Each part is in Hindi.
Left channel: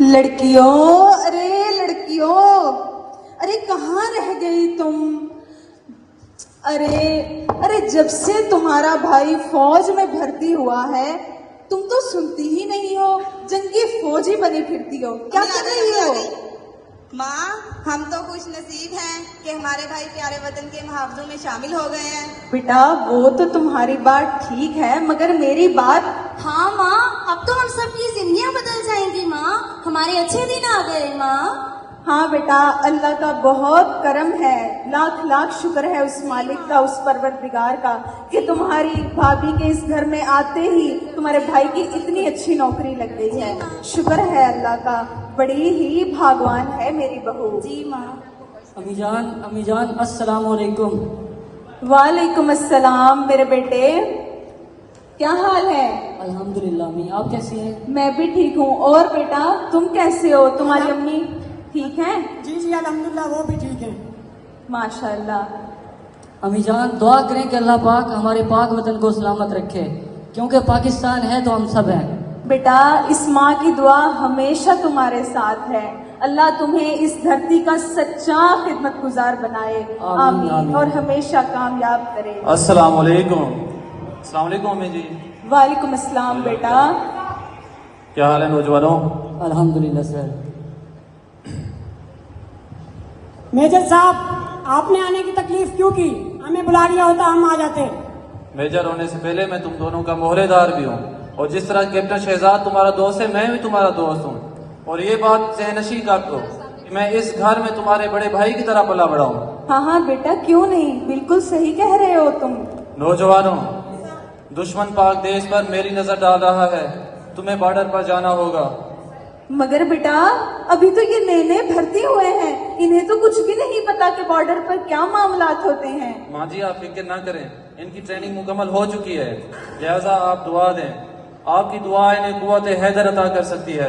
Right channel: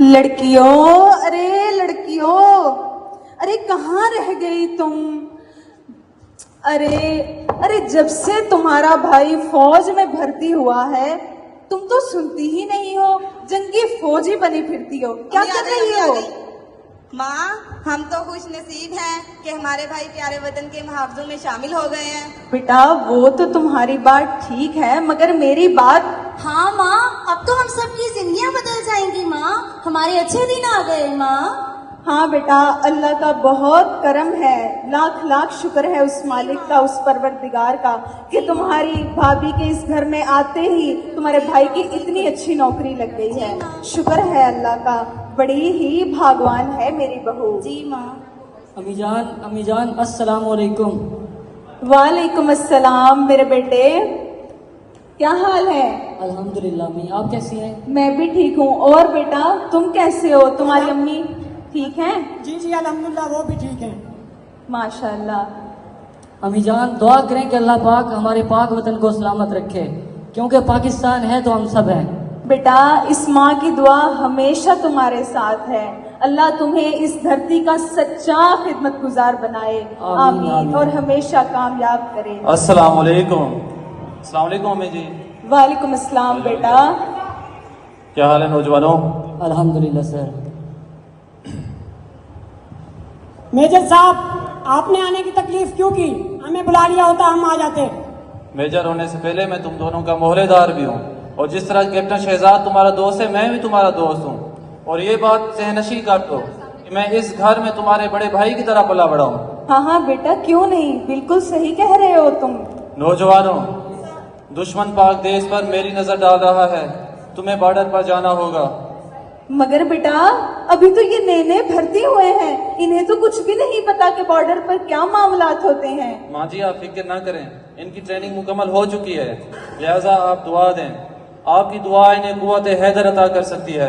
लड़कियों, अरे लड़कियों, अरे कहाँ रह गई तुम? अरे अरे जब से तुम्हारा भाई फौज में भर्ती हुआ है तुम तो सुनती ही नहीं हो, जंगी फौजी बनी फिरती हो। क्या कर रही हो? माँ, हम तो खुश नसीब हैं कि हमारे भाई प्यारे वतन के मुहावजों में शामिल हो गए हैं। बेटा वो तो तुम्हारी बात ठीक है, मगर मेरी बात। हाँ माँ, अब तो हम सबकी जिंदगियाँ बदल जाएंगी माँ, हमारे अच्छे दिन आ गए माँ। हाँ बेटा, अल्लाह का बहुत करम है, लाख लाख शुक्र है उस मालिक का, उस परवरदिगार का कि तुम्हारी भाभी के इस घर में आते ही तुम्हारे भाई की इतनी अच्छी नौकरी लग गई है। शुक्र है अल्लाह का, बड़ी ही भागवान है मेरी बहू। जी माँ। अम्मी जान अस्सलाम वालेकुम। वालेकुम अस्सलाम मेरे बेटे, क्या हाल है? अल्हम्दुलिल्लाह अम्मी, आप कैसी हैं? मैं भी ठीक हूँ। और बेटा तुम कैसे हो? तुम्हारी अम्मी ठीक है? जी जी अल्हम्दुलिल्लाह, वो भी ठीक है माशाल्लाह। अम्मी जान दुआ करें कि अल्लाह पाक हमारे पाक वतन को सलामत रखे, क्योंकि पाकिस्तान है तो हम सब हैं। बेटा इस माँ की दुआ हमेशा तुम्हारे साथ है, अल्लाह तुम्हें इस धरती का सच्चा खिदमत गुजार बनाए, आमीन, और हमेशा कामयाब करे। अस्सलाम वालेकुम। अस्सलाम वालेकुम अम्मी जी। वालेकुम अस्सलाम बेटा। क्या हाल है नौजवानों? अल्हम्दुलिल्लाह सर। मेजर साहब, आपने आने की तकलीफ क्यों की? हमें बुला लिया होता, हम आ जाते। मेजर होने से पहले मैं तुम दोनों का मोहरेदार भी हूँ, और जिस तरह कैप्टन शहजाद तुम्हारा दोस्त है, मैं भी तुम्हारा दोस्त हूँ। और ये बात सहनशी कर दो कि मैं इस घर में तुम्हारे बड़े भाई की तरह पला बड़ा हूँ। हाँ हाँ बेटा, क्यों नहीं, बिल्कुल सही कह रहे हो तुम। नौजवानों, दुश्मन पाक देश पर मेरी नजर डाल रहा है, तुम्हें बॉर्डर पर जाना होगा। मगर बेटा अभी तो ये नए नए भर्ती हुए हैं, इन्हें तो कुछ भी नहीं पता कि बॉर्डर पर क्या मामलात होते हैं। माँ जी आप फिक्र ना करें, इनकी ट्रेनिंग मुकम्मल हो चुकी है, लिहाजा आप दुआ दें, आपकी दुआ इन्हें कुव्वत हैदर अता कर सकती है।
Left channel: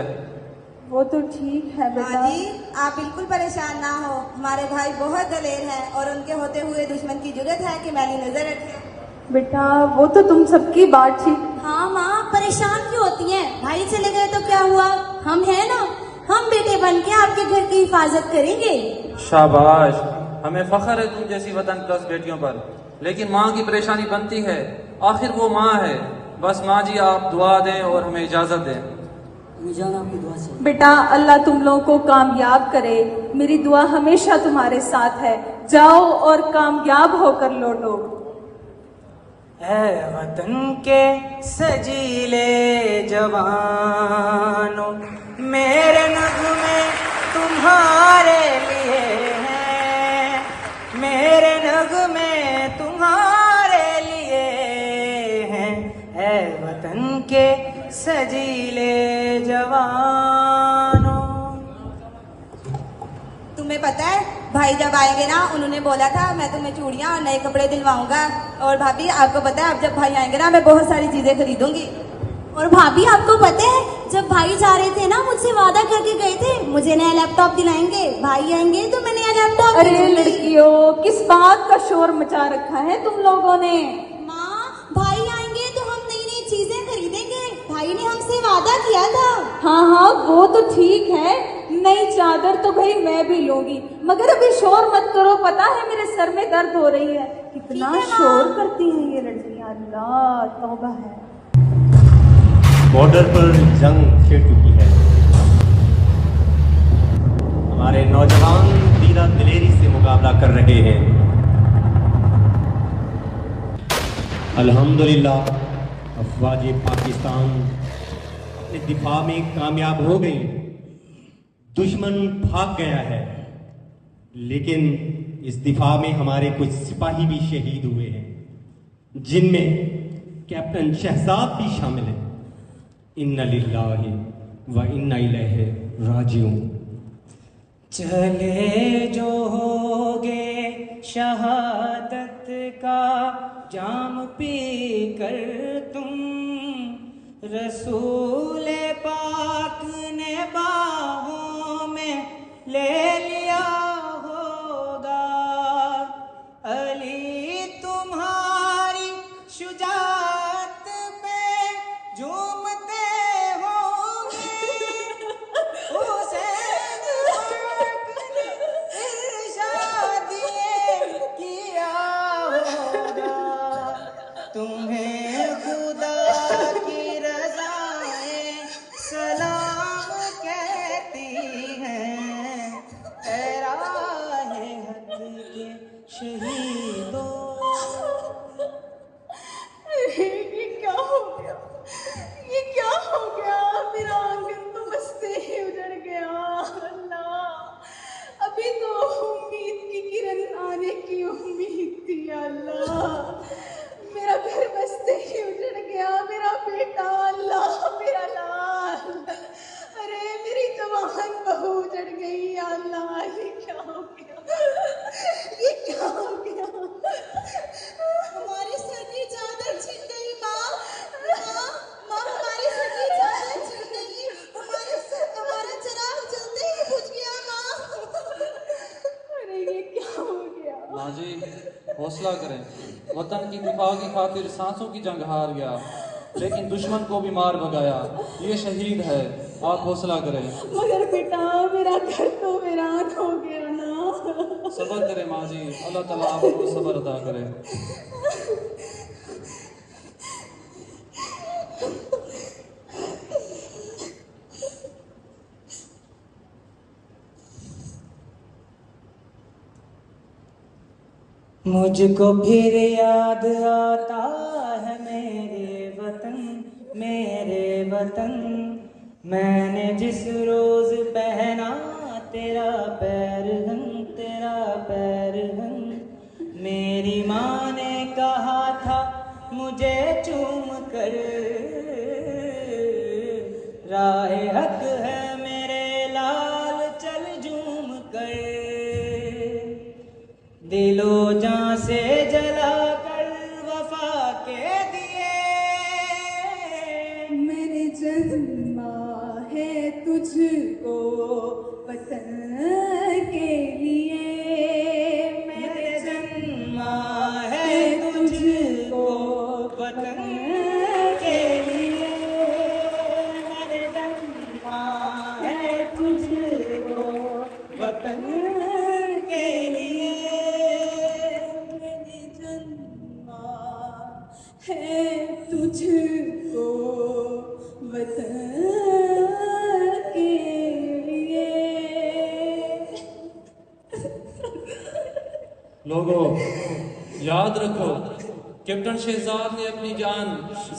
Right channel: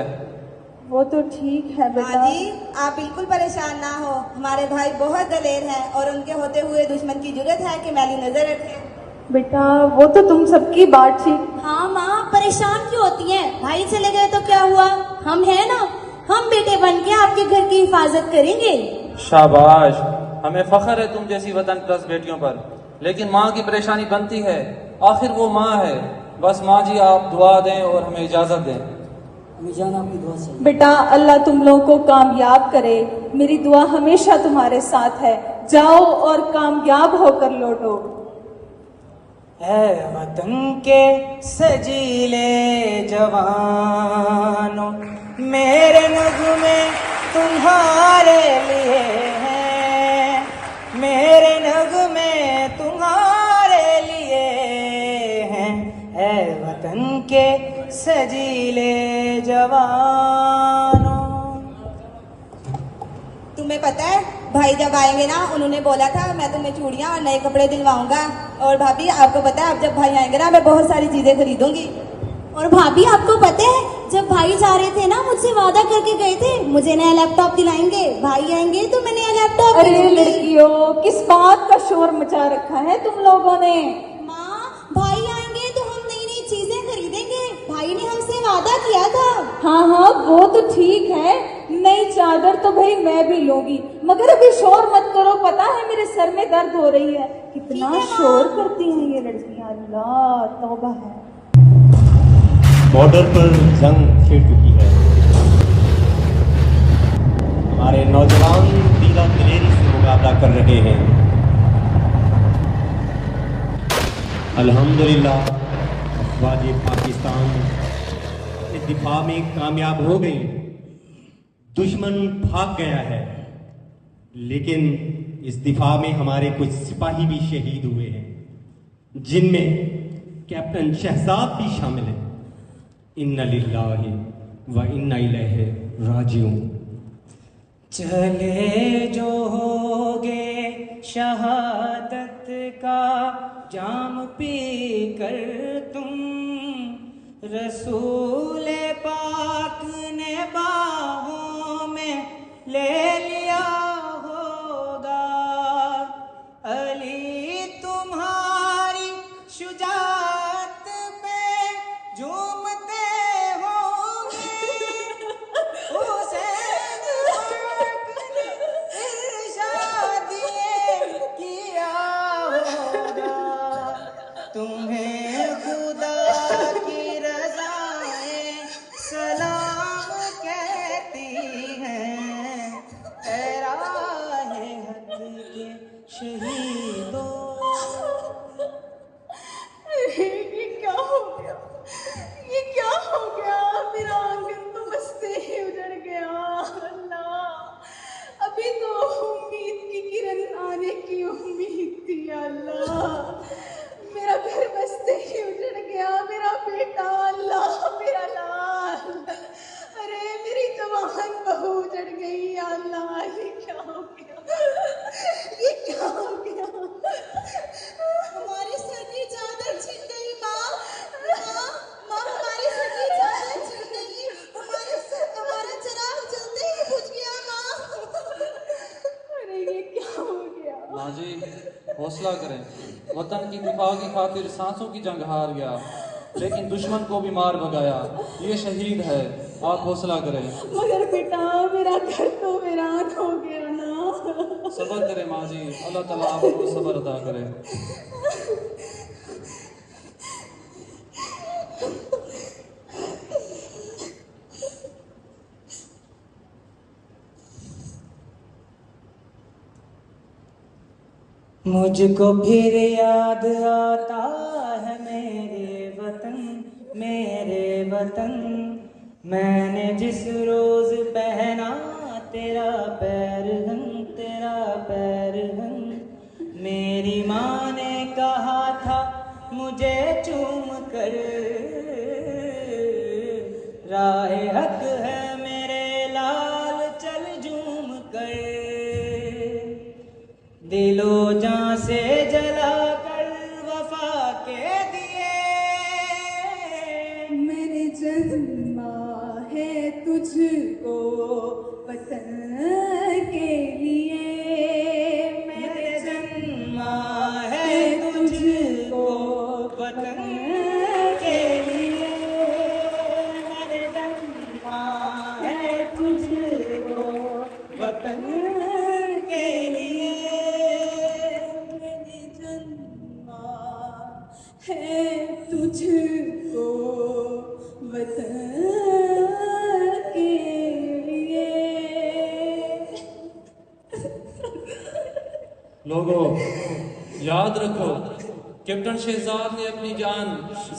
वो तो ठीक है बेटा। दादी, आप बिल्कुल परेशान ना हो, हमारे भाई बहुत दलेर हैं और उनके होते हुए दुश्मन की जरूरत है कि मैली नजर रखें। बेटा वो तो तुम सबकी बात ठीक। हाँ माँ, परेशान क्यों होती हैं? भाई चले गए तो क्या हुआ, हम हैं ना, हम बेटे बन के आपके घर की हिफाजत करेंगे। शाबाश, हमें फख्र है तुम जैसी वतन प्लस बेटियों पर, लेकिन माँ की परेशानी बनती है, आखिर वो माँ है। बस माँ जी आप दुआ दें और हमें इजाजत दें। अम्मी जान आपकी दुआ चाहिए। बेटा अल्लाह तुम लोगों को कामयाब करे, मेरी दुआ हमेशा तुम्हारे साथ है। जाओ और कामयाब होकर लौटो। ऐ वतन के सजीले जवानों, मेरे नगमे तुम्हारे लिए हैं, मेरे नगमे तुम्हारे लिए हैं। ऐ वतन के सजीले जवानों। तुम्हें पता है भाई जब आएंगे ना, उन्होंने बोला था मैं तुम्हें चूड़ियाँ और नए कपड़े दिलवाऊंगा। और भाभी आपको पता है अब जब भाई आएंगे ना, मैं बहुत सारी चीजें खरीदूंगी। और भाभी आपको पता है जब भाई जा रहे थे ना, मुझसे वादा करके गए थे मुझे नया लैपटॉप दिलाएंगे, भाई आएंगे तो मैं नया लैपटॉप अरे खरीदूंगी। लड़कियों, किस बात का शोर मचा रखा है तुम लोगों ने? माँ, भाई आएंगे तो हम नई नई चीजें खरीदेंगे, भाई ने हमसे वादा किया था। हाँ हाँ वो तो ठीक है, नई चादर तो भाई मैं भी लूंगी, मगर अभी शोर मत करो, पता है मेरे सर में दर्द हो रही है। कितना शोर करती हैं ये लड़कियां, अल्लाह तौबा है। बॉर्डर पर जंग छिड़ चुकी है, हमारे नौजवान तीरा दिलेरी से मुकाबला कर रहे हैं। अल्हम्दुलिल्लाह अफवाज पाकिस्तान इस दिफा में कामयाब हो गई, दुश्मन भाग गया है, लेकिन इस दिफा में हमारे कुछ सिपाही भी शहीद हुए हैं, जिनमें कैप्टन शहजाद भी शामिल है। इन्ना लिल्लाहि व इन्ना इलैहि राजिऊन। चले जो होगे शहादत का जाम पी कर तुम, रसूल पाक ने बाहों में ले लिया होगा, अली तुम्हारी शुजाअत पे झूमते होंगे। अल्लाह, मेरा घर बसते ही उजड़ गया, मेरा बेटा, अल्लाह मेरा लाल, अरे मेरी जवान बहू उजड़ गई, या अल्लाह ये क्या हो गया, ये क्या हो गया। हमारी सर की चादर छिन गई माँ, माँ, माँ हमारी सर की चादर छिन गई, हमारा चिराग जलते ही बुझ गया माँ। अरे ये क्या हो गया। माँ जी हौसला करें, वतन की दिफा की खातिर सांसों की जंग हार गया, लेकिन दुश्मन को भी मार भगाया, ये शहीद है, आप हौसला करें। मगर बेटा मेरा घर तो वीरान हो गया ना। सब्र करें माँ जी, अल्लाह ताला आपको सब्र अता करे। मुझको फिर याद आता है मेरे वतन, मेरे वतन, मैंने जिस रोज पहना तेरा पैरहन, तेरा पैरहन, मेरी माँ ने कहा था मुझे चूम कर, राहे हक है मेरे लाल चल झूम कर, दिलो जान से जला कर वफा के दिए, मैंने जन्मा है तुझको वतन के लिए, मैंने जन्मा है तुझको वतन के लिए, मैंने जन्मा है तुझको वतन के लिए, मैंने जन्मा है तुझको वतन के लिए। लोगों याद रखो, कैप्टन शहजाद ने अपनी जान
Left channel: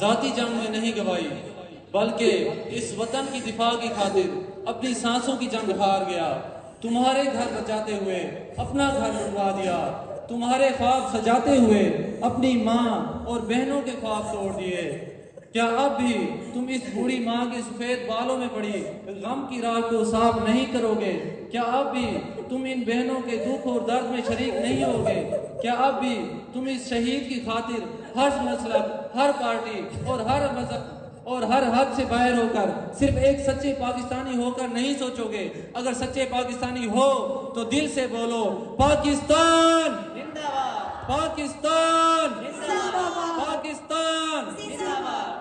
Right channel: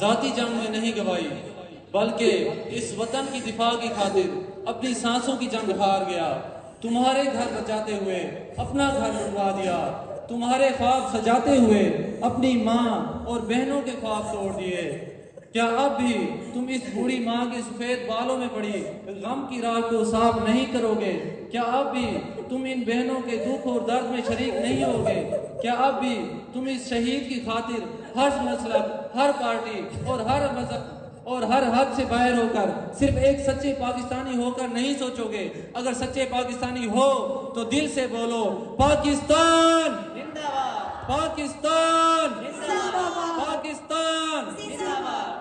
जाती जंग में नहीं गवाई, बल्कि इस वतन की दिफा की खातिर अपनी सांसों की जंग हार गया। तुम्हारे घर बचाते हुए अपना घर लुटवा दिया, तुम्हारे ख्वाब सजाते हुए अपनी माँ और बहनों के ख्वाब तोड़ दिए। क्या अब भी तुम इस बूढ़ी माँ के सफेद बालों में पड़ी गम की राह को साफ नहीं करोगे? क्या अब भी तुम इन बहनों के दुख और दर्द में शरीक नहीं होगे? क्या अब भी तुम इस शहीद की खातिर हर मसलब, हर पार्टी और हर मजहब और हर हद से बाहर होकर सिर्फ एक सच्चे पाकिस्तानी होकर नहीं सोचोगे? अगर सच्चे पाकिस्तानी हो तो दिल से बोलो पाकिस्तान जिंदाबाद, पाकिस्तान जिंदाबाद, पाकिस्तान जिंदाबाद।